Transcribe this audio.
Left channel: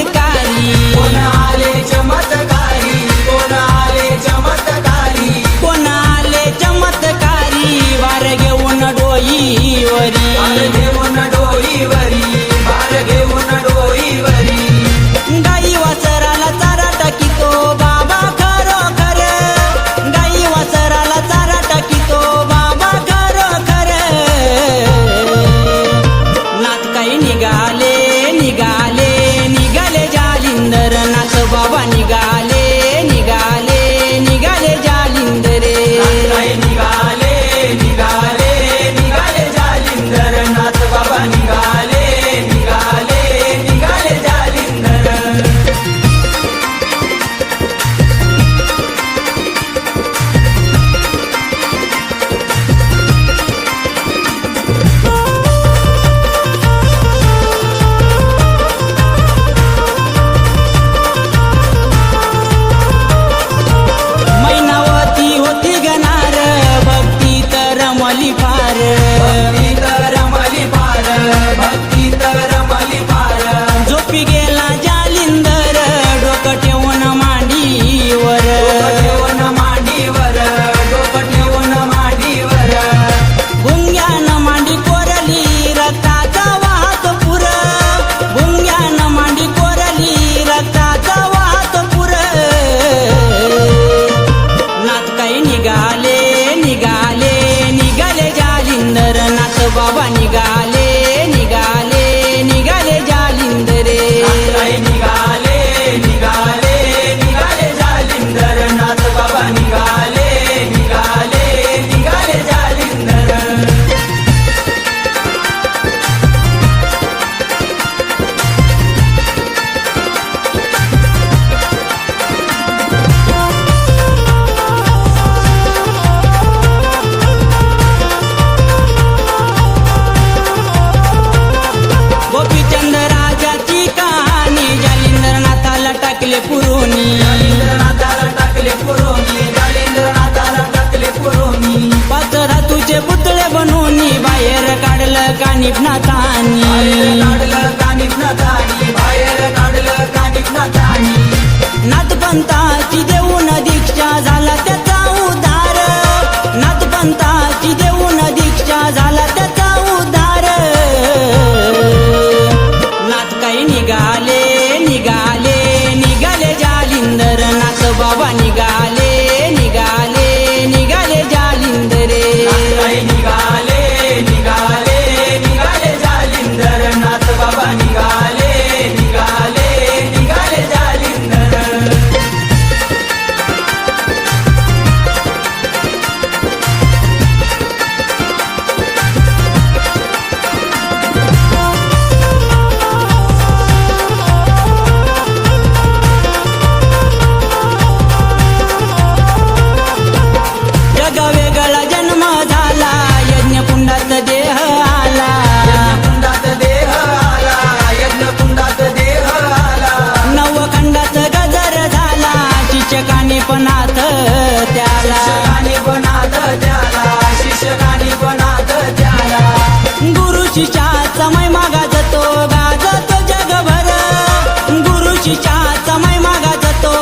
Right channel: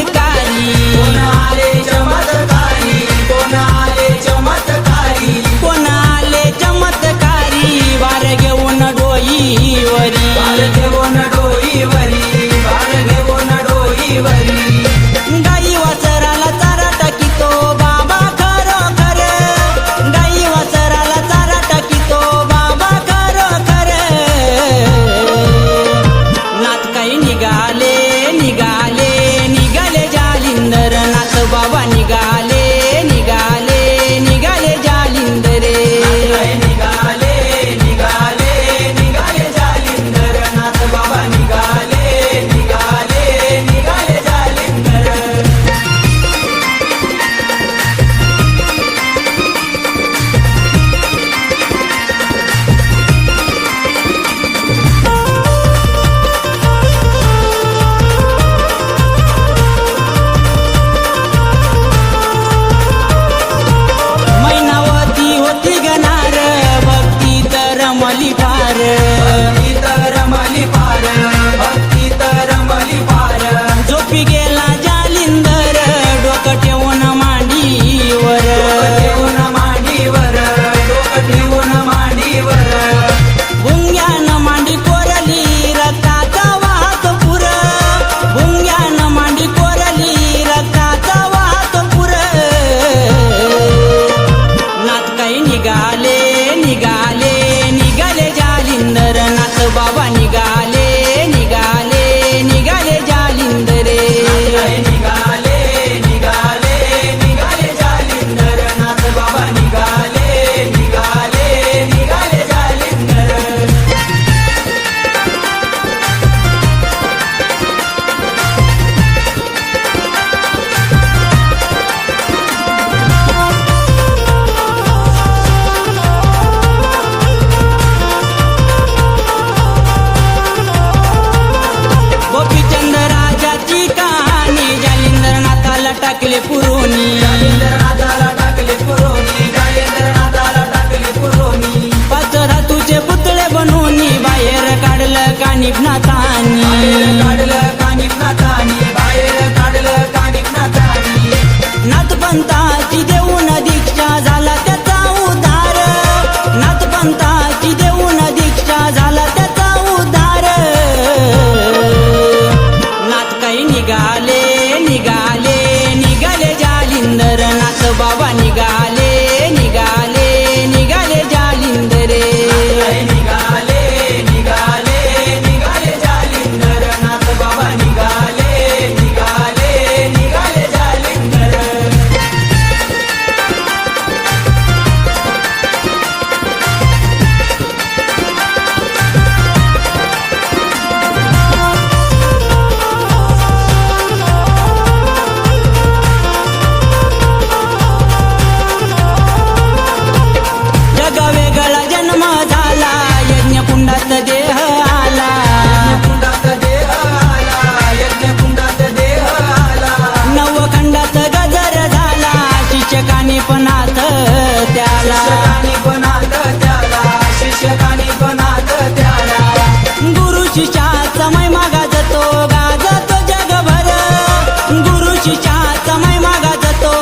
चमत्कारी कोण आले चमत्कारी वार घेऊन डोईवरी गाई वासराला चारा टाकीतो बाबा खरोखर गाई वासराला चारा टाकीतो बाबा खरोखर नाथ काही निघाले निघाले निघाले जालिंदर नाथ बाबा निघाले निघाले निघाले जालिंदरे गणार भक्ती तर रमली फार झोपी गेला जालिंदर डोकं ठेवून मांडीवर भुंग्यानं मांडी कोरली रक्ताचा वाहत पुर भुंग्यानं मांडी कोरली रक्ताचा वाहत पुर नाथ काही निघाले निघाले निघाले जालिंदर नाथ बाबा निघाले निघाले निघाले जालिंदरे गोपीचंद राजाची कहाणी जालिंदरनाथाला टाकले पुरोनी पाच धातूचे पुतळे बनवून बाहेर काढलं कानिफनाथांनी नाथपंथाची देऊन दीक्षा झाला त्याचा उद्धार नाथपंथाची देऊन दीक्षा झाला त्याचा उद्धार नाथ काही निघाले निघाले निघाले जालिंदर नाथ बाबा निघाले निघाले निघाले जालिंदरे वेगळा जन्म झाला यज्ञकुंडात देह आला नवखंडात गजर झाला शिक्षकाने पण हात त्याला गुरु शिष्याचा महिमा गाजतो गाजतो जगभर गुरु शिष्याचा महिमा गाजतो